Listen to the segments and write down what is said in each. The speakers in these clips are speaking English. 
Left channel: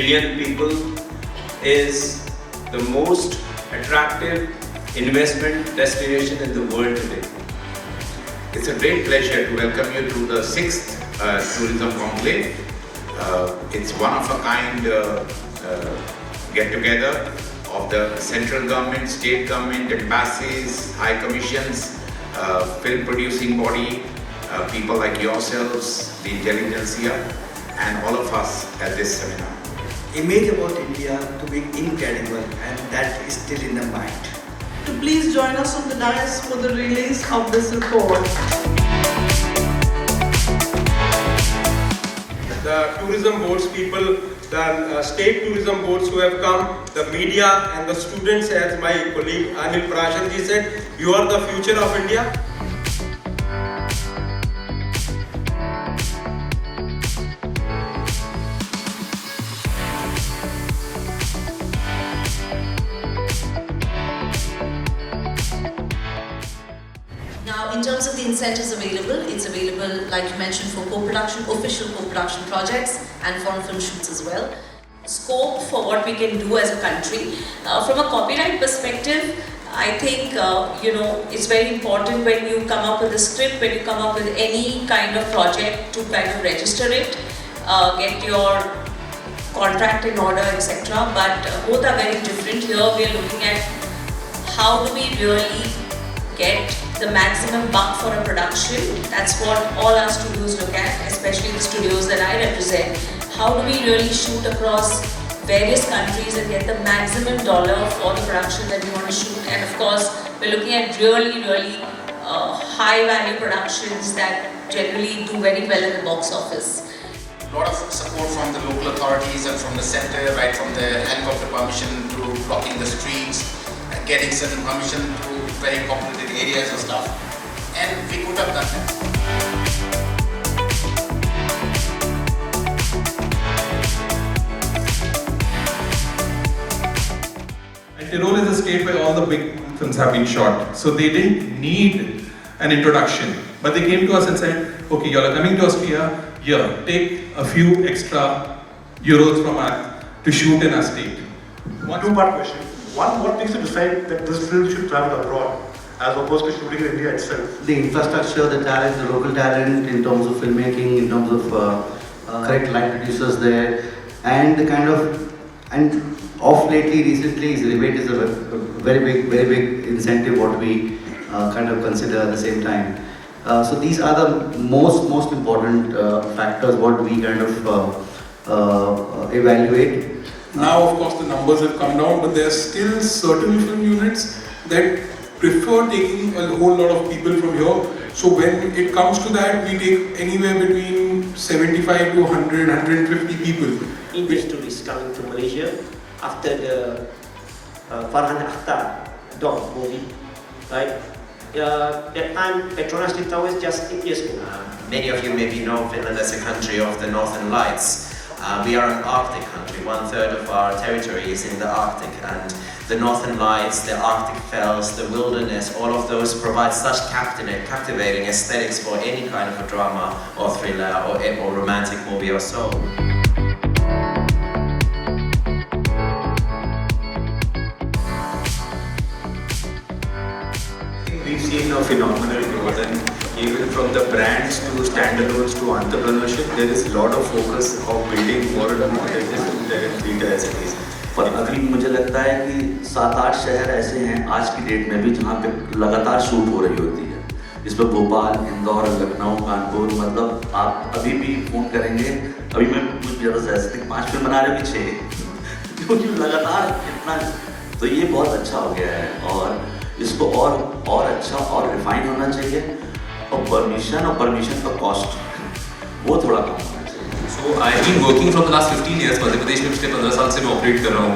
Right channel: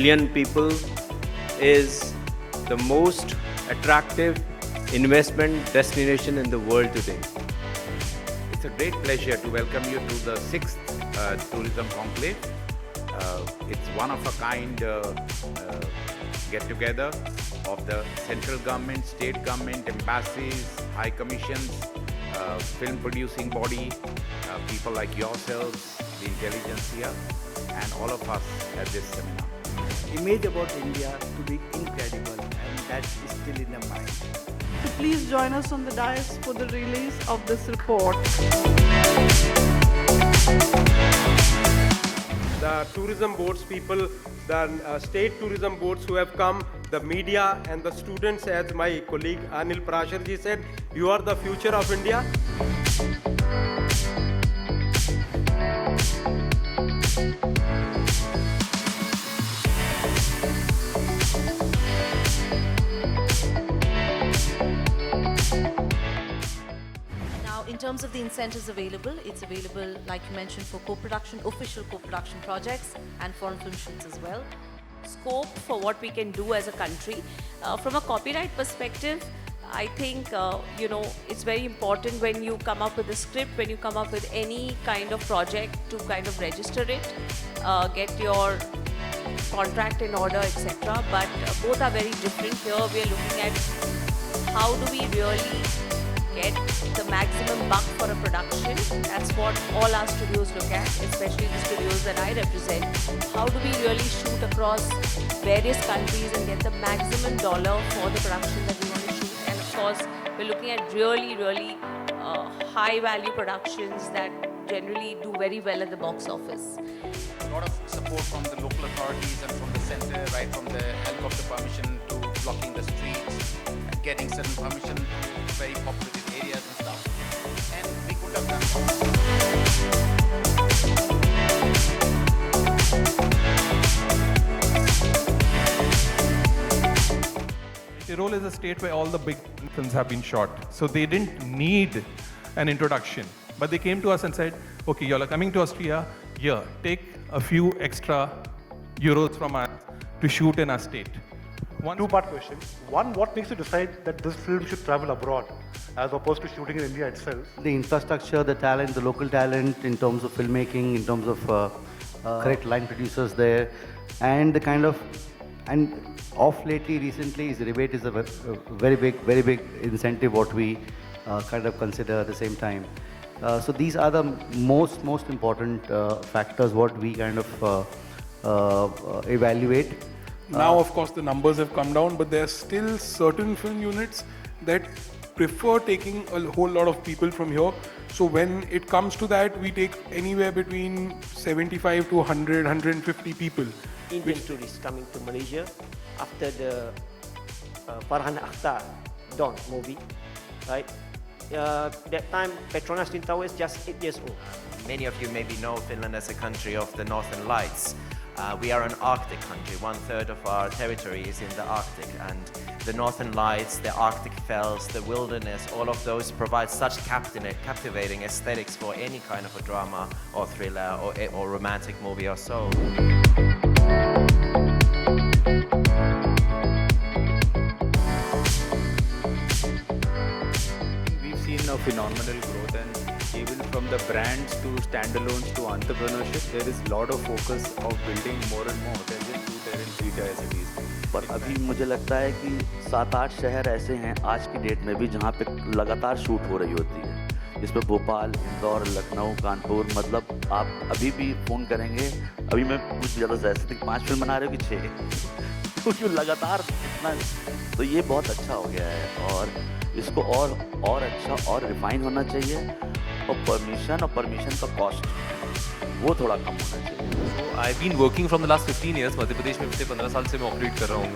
billion people is the most attractive investment destination in the world today. It's a great pleasure to welcome you to the 6th Tourism Conclave. It's one of a kind get-together of the central government, state government, embassies, high commissions, film producing body, people like yourselves, the intelligentsia, and all of us at this seminar. Image about India to be incredible, and that is still in the mind. Please join us on the dais for the release of this report. The tourism boards people, the state tourism boards who have come, the media and the students, as my colleague Anil Prajapati said, you are the future of India. In terms of the incentives available, it's available, like you mentioned, for co-production, official co-production projects and foreign film shoots as well. Scope for what we can do as a country. From a copyright perspective, I think, it's very important when you come up with a script, when you come up with any kind of project to kind of register it, get your contract in order, etc. But both are very different. Here we are looking at how do we really get the maximum buck for a production. That's what all our studios look at, especially the studios that I represent. How do we really shoot across various countries and get the maximum dollar for the production that we want to shoot? And of course, we're looking at really high value productions that generally do very well in the box office. A lot of support from the local authorities and from the center, right from the helicopter permission to blocking the streets, getting certain permission to very populated areas and stuff. And we could have done that. Tyrol is a state where all the big films have been shot. So they didn't need an introduction. But they came to us and said, okay, you're coming to Austria, here, take a few extra euros from us to shoot in our state. One two-part question. One, what makes you decide that this film should travel abroad as opposed to shooting in India itself? The infrastructure, the talent, the local talent in terms of filmmaking, in terms of correct line producers there, and the kind of, and off lately, recently, rebate is a very big incentive what we kind of consider at the same time. So these are the most important factors what we kind of evaluate. Now, of course, the numbers have come down, but there are still certain film units that prefer taking a whole lot of people from here. So when it comes to that, we take anywhere between 75 to 100, 150 people. English tourists coming to Malaysia after the Farhan Akhtar dog movie, right? That time Petronas kita was just India's. Many of you maybe know Finland as a country of the Northern Lights. We are an Arctic country. 1/3 of our territory is in the Arctic, and the Northern Lights, the Arctic fells, the wilderness, all of those provide such captivating aesthetics for any kind of a drama or thriller or romantic movie or so. We've seen a phenomenal growth, and even from the brands to standalones to entrepreneurship, there is a lot of focus of building more and more bigger cities. और अभी मुझे लगता है कि 7-8 शहर ऐसे हैं आज की डेट में भी जहाँ पे लगातार शूट हो रही होती है। इसमें भोपाल, इंदौर, लखनऊ, कानपुर, मतलब आप अभी भी फोन करेंगे, अभी मैं कुछ जबरदस्त 5 फिल्म बना रहे पीछे, क्योंकि लगातार कितना, तो ये बहुत अच्छा हो गया है और इसको और अच्छा और रिफाइन होना चाहिए और परमिशन का कॉस्ट वो थोड़ा कम होना चाहिए। So I've been working for the last 15 years. Madhya Pradesh में पिछले 15 साल से मैं ऑपरेट कर रहा हूँ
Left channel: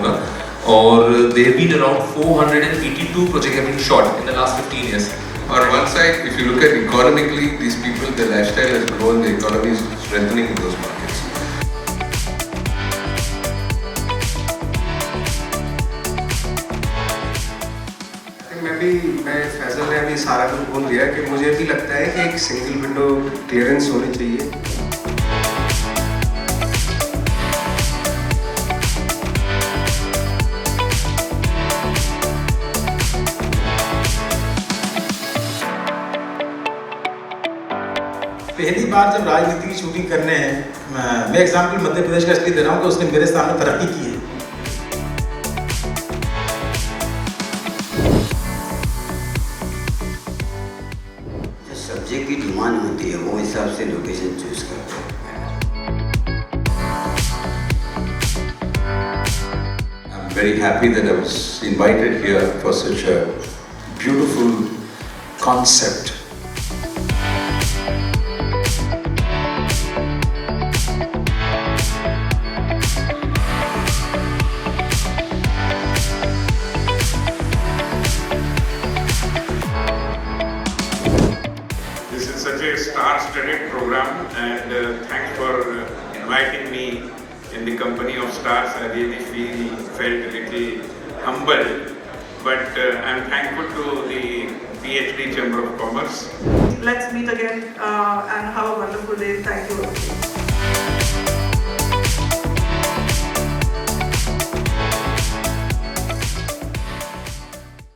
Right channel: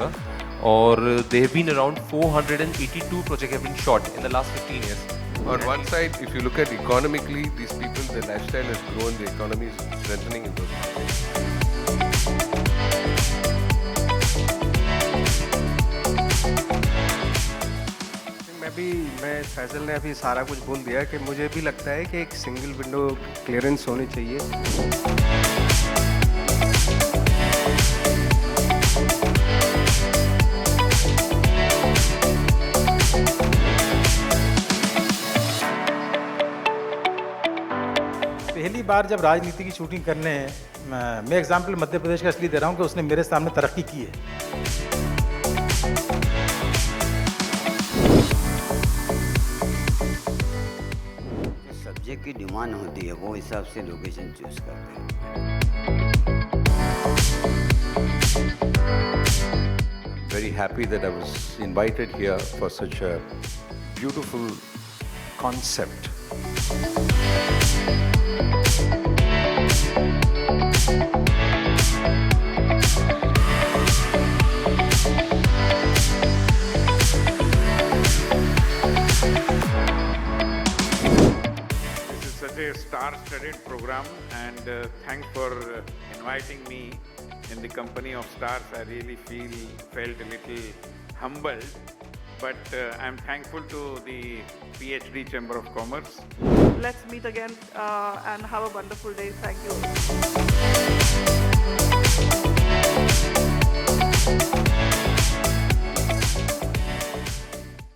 और there have been around 482 projects have been shot in the last 15 years. On one side, if you look at economically, these people, their lifestyle has grown, the economy is strengthening in those markets. मैं फैजल ने भी सारा कुछ बोल दिया कि मुझे भी लगता है कि एक सिंगल विंडो क्लियरेंस होनी चाहिए। पहली बार जब राजनीति की शूटिंग कर रहे हैं, मैं एग्जाम्पल मध्य प्रदेश का इसलिए दे रहा हूँ कि उसने मेरे सामने तरक्की की है। सब्जेक्ट की डिमांड होती है वो हिसाब से लोकेशन चूज करते हैं। I'm very happy that I was invited here for such a beautiful concept. This is such a star-studded program, and thanks for inviting me in the company of stars. I really felt a little humbled, but I'm thankful to the PhD Chamber of Commerce. Let's meet again and have a wonderful day. Thank you.